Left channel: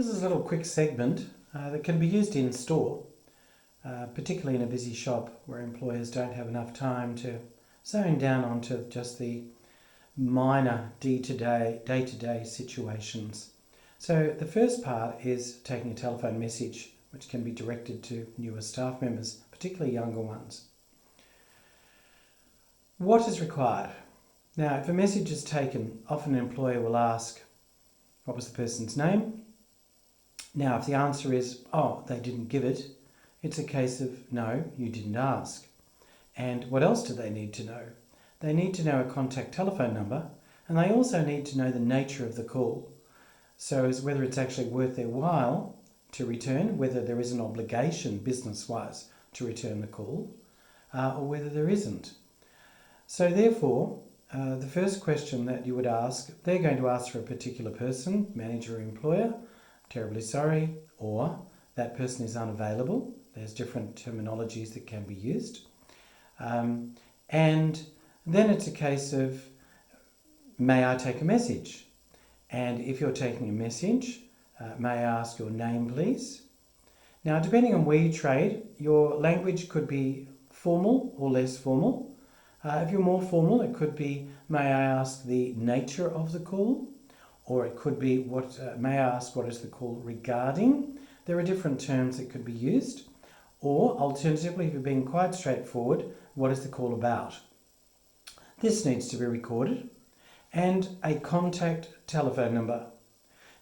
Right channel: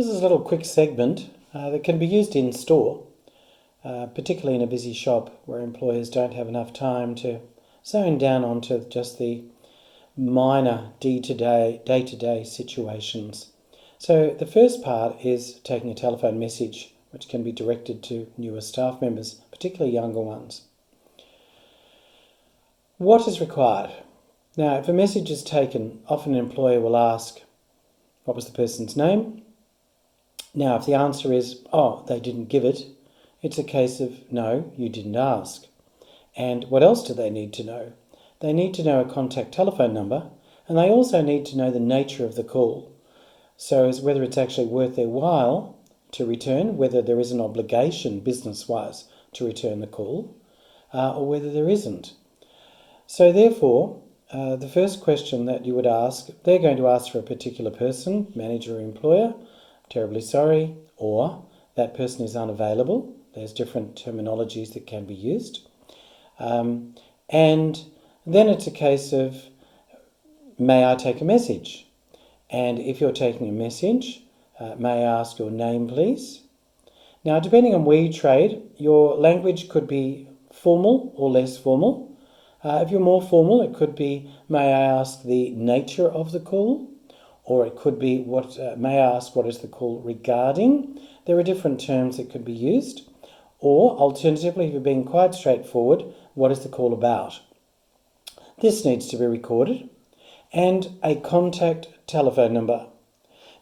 This is a little quick segment that can be used in store, particularly in a busy shop where employers don't have enough time to zone down onto just the minor day-to-day situations. So the first part is taking a telephone message, which can be directed to newer staff members, particularly younger ones. What is required? Now, if a message is taken, often an employer will ask, what was the person's name? Now, if the answer is, oh, they didn't give it, it's a case of, no, you didn't ask. And what else do they need to know? They need to know a contact telephone number, and they also need to know the nature of the call. So as whether it's actually worth their while to return, whether there is an obligation business-wise to return the call, or whether there isn't. So therefore, the first question that you would ask, they're going to ask for a particular person, manager or employer, terribly sorry, or that person is unavailable. There's different terminologies that can be used. And then it's a case of, may I take a message? And if you're taking a message, may I ask your name, please? Now, depending on where you trade, your language could be formal or less formal. If you're more formal, it could be, may I ask the nature of the call? Or it could be, may I ask what is the call regarding? There are different terms that could be used. Or alternatively, if you're being quite straightforward, what is the call about? This needs to be recorded. And a contact telephone number.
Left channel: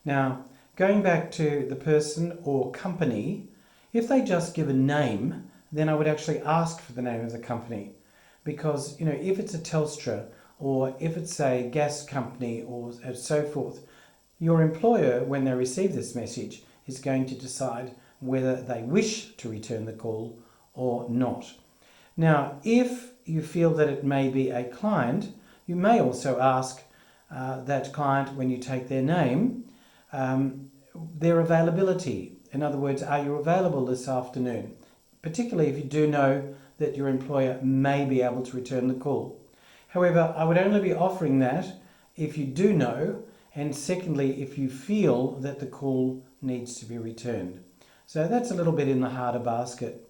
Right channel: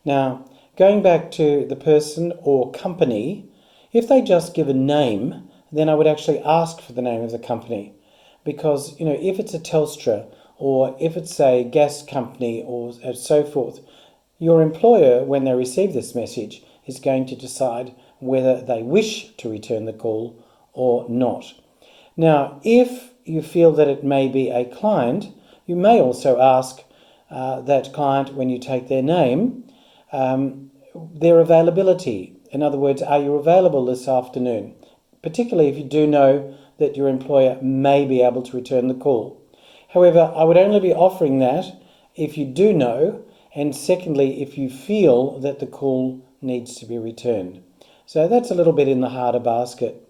Now, going back to the person or company, if they just give a name, then I would actually ask for the name of the company. Because, if it's a Telstra or if it's a gas company or so forth, your employer, when they receive this message, is going to decide whether they wish to return the call or not. Now, if you feel that it may be a client, you may also ask that client, when you take their name, their availability. In other words, are you available this afternoon? Particularly if you do know that your employer may be able to return the call. However, I would only be offering that if you do know, and secondly, if you feel that the call needs to be returned. So that's a little bit in the harder basket.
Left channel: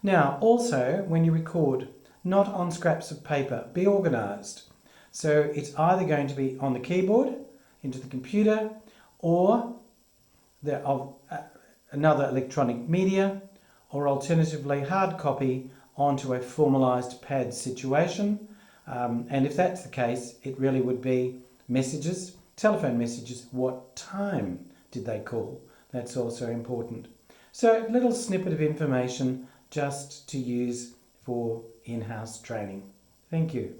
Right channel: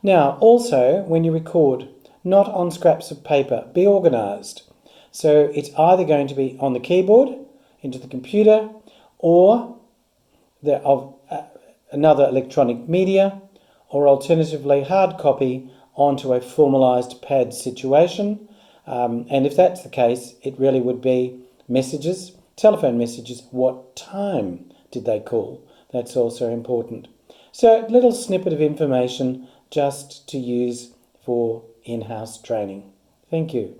Now, also, when you record, not on scraps of paper, be organised. So it's either going to be on the keyboard, into the computer, or another electronic media, or alternatively hard copy onto a formalised pad situation. And if that's the case, it really would be messages, telephone messages. What time did they call? That's also important. So a little snippet of information just to use for in-house training. Thank you.